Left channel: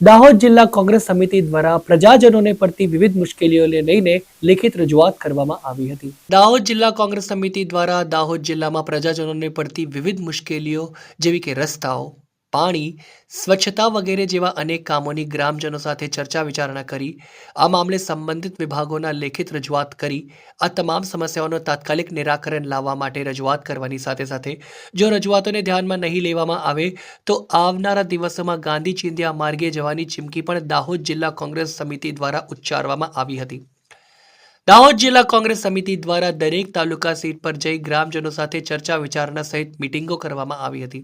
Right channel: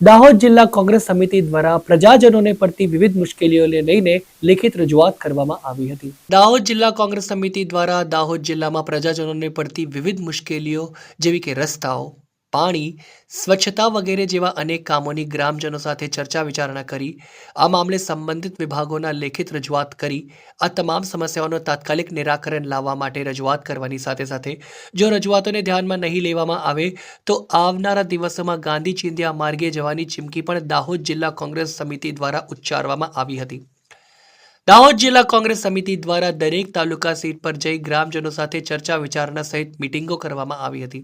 દાહોદ જિલ્લા કોંગ્રેસ સમિતિ દ્વારા પ્રજાજનોને પડતી વિવિધ મુશ્કેલીઓને લઈને લેખિત રજૂઆત કરવામાં આવી હતી। દાહોદ જિલ્લા કોંગ્રેસ સમિતિ દ્વારા દાહોદ જિલ્લામાં પ્રજાજનોને પડતી વિવિધ મુશ્કેલીઓ જેવી કે રસ્તાઓ, પાણી, સ્વચ્છતા વગેરે જેવા અનેક કામોની ગ્રામજનો સાથે ચર્ચા વિચારણા કરી આ મામલે સંબંધિત વિભાગોના લેખિત રજૂઆત કરી આ તમામ સમસ્યાઓનું તાત્કાલિક નિરાકરણ લાવવા માટે રજૂઆત કરવાની સાથે સાથે જો રજૂઆતોને ધ્યાનમાં નહીં લેવામાં આવે તો આવનારા દિવસોમાં ગાંધી ચિંધ્યા માર્ગે જવાની ચીમકી પણ દાહોદ જિલ્લા કોંગ્રેસ સમિતિ દ્વારા ઉચ્ચારવામાં આવી હતી। દાહોદ જિલ્લા કોંગ્રેસ સમિતિ દ્વારા દરેક તાલુકા સીટ પર જઈ ગ્રામજનો સાથે ચર્ચા વિચારણા સહિત મીટિંગો કરવામાં આવી હતી,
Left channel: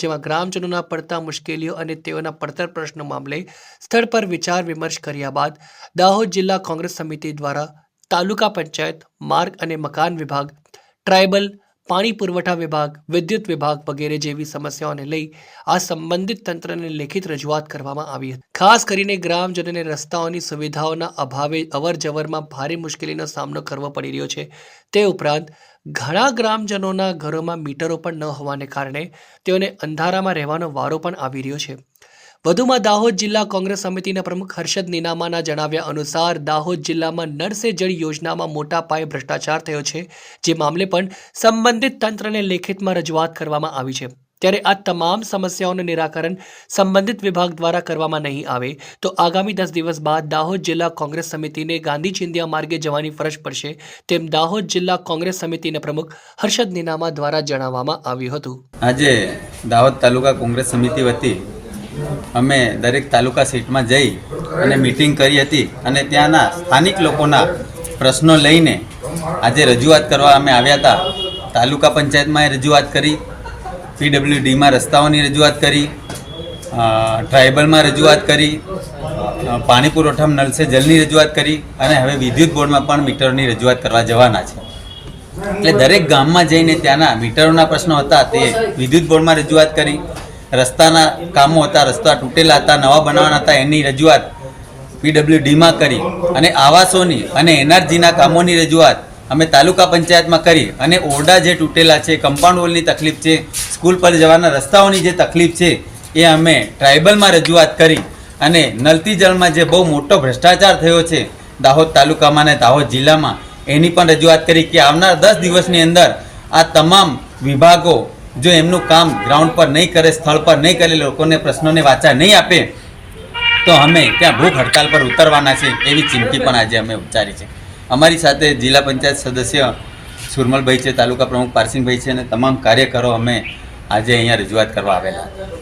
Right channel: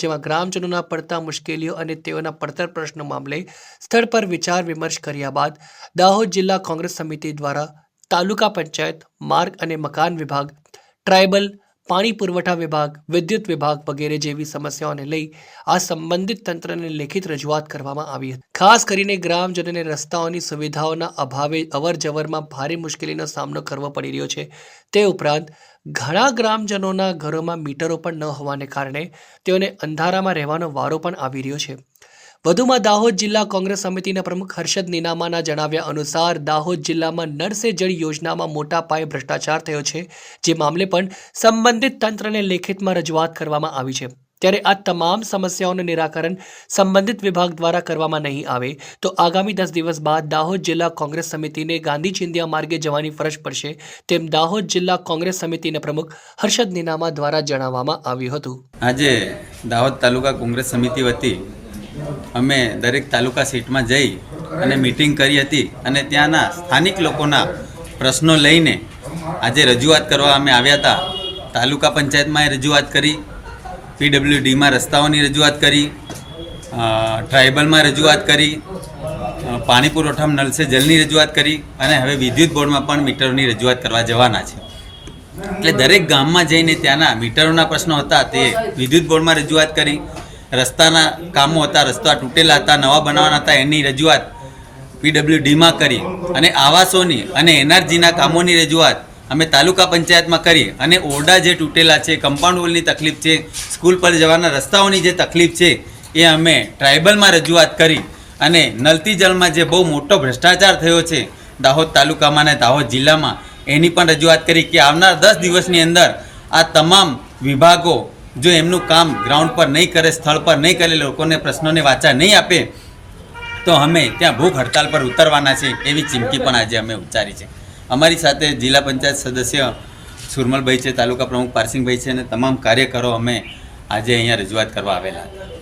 જેમાં ગ્રામજનોના પડતા મુશ્કેલીઓ અને તેઓના પડતર પ્રશ્નો મામલે સ્થળ પર વિચાર વિમર્શ કર્યા બાદ દાહોદ જિલ્લા કોંગ્રેસ સમિતિ દ્વારા તાલુકા પંચાયત, માર્ગ અને મકાન વિભાગ, ટ્રાયબલ, પાણી પુરવઠા વિભાગ, વિદ્યુત વિભાગ વગેરે જેવી સમસ્યાઓને લઈ આ સંબંધિત તંત્રને લેખિત રજૂઆત કરવામાં આવી હતી। ખાસ કરીને ગ્રામજનોને રસ્તાઓની સુવિધાઓના અભાવે અવરજવરમાં ભારે મુશ્કેલીનો સામનો કરવો પડી રહ્યો છે। તે ઉપરાંત ઘણા ગ્રામજનોના ઘરોમાં મીટરો પણ ન હોવાને કારણે તેઓને અંધારામાં રહેવાનો વારો પણ આવી રહ્યો છે। વધુમાં દાહોદ જિલ્લા કોંગ્રેસ સમિતિના પ્રમુખ હર્ષદ નીનામાના જણાવ્યા અનુસાર દાહોદ જિલ્લામાં નળ સે જળ યોજનામાં મોટા પાયે ભ્રષ્ટાચાર થયો છે, જે મામલે પણ સંબંધિત તંત્રને લેખિતમાં રજૂઆત કરવામાં આવી છે। ત્યારે આ તમામ સમસ્યાઓનું નિરાકરણ સંબંધિત વિભાગ દ્વારા કરવામાં નહીં આવે તો આગામી 10 દિવસ બાદ દાહોદ જિલ્લા કોંગ્રેસ સમિતિને ગાંધી ચિંધ્યા માર્ગે જવાની ફરજ પડશે, તેમ દાહોદ જિલ્લા કોંગ્રેસ સમિતિના પ્રમુખ હર્ષદ નીનામા દ્વારા જણાવવામાં આવ્યું હતું। આજે દાહોદ તાલુકા કોંગ્રેસ સમિતિ વતી અમે દરેક તાલુકા સીટમાં જઈ અને મીટિંગ કરી હતી અને ત્યાંના સ્થાનિક લોકોના પ્રશ્નો લઈને આજે રજૂઆત કરવા અમે આવ્યા હતા। તાલુકા પંચાયતમાં રજૂઆત કરી, પીડબ્લ્યુડીમાં રસ્તાઓની રજૂઆત કરી, ટ્રાયબલમાં રજૂઆત કરી, પાણી પુરવઠામાં નળ સે જલની રજૂઆત કરી અને હવે વિદ્યુત બોર્ડમાં પણ મીટરોની રજૂઆત કરવા જવાના છે। એટલે દરેક ગામમાં જઈને ત્યાંના મીટરોના પ્રશ્નો હતા તે વિદ્યુત બોર્ડમાં રજૂઆત કરી, રસ્તાના કામો હતા, રસ્તા તૂટેલા હતા, નવા બનાવવાના હતા, એની રજૂઆત પીડબ્લ્યુડીમાં કરી અને આવાસોની અને એનઆરજીના કામોની રજૂઆત અમે તાલુકા પંચાયતમાં કરી અને ઓરડા જે તૂટેલા છે, કમ્પાઉન્ડ વોલની તકલીફ છે, સ્કૂલ પર જવાના રસ્તાઓની જે તકલીફ છે એ અમે ટ્રાયબલમાં રજૂઆત કરી અને નલતી જળમાં જે બહુ મોટો ભ્રષ્ટાચાર થયો છે દાહોદ તાલુકામાં અને દાહોદ જિલ્લામાં એની પણ રજૂઆત કરી કે આવનાર 10 દિવસની અંદર આ તમામ વિભાગો જો એમનું કામ ગ્રાઉન્ડ પર નહીં કરે, સ્થળ પર નહીં કરે, લોકોને પ્રશ્નોને વાચા નહીં આપે તો અમે ત્યાં ભૂખ હડતાલ પર ઉતરવાના છે એવી ચીમકી પણ આજે અમે ઉચ્ચારી છે। અમારી સાથે જિલ્લા પંચાયત સદસ્ય સુરમલભાઈ છે, તાલુકા પ્રમુખ પારસિંગભાઈ છે અને તમામ કાર્યકરો અમે આજે અહીંયા રજૂઆત કરવા આવેલા હતા।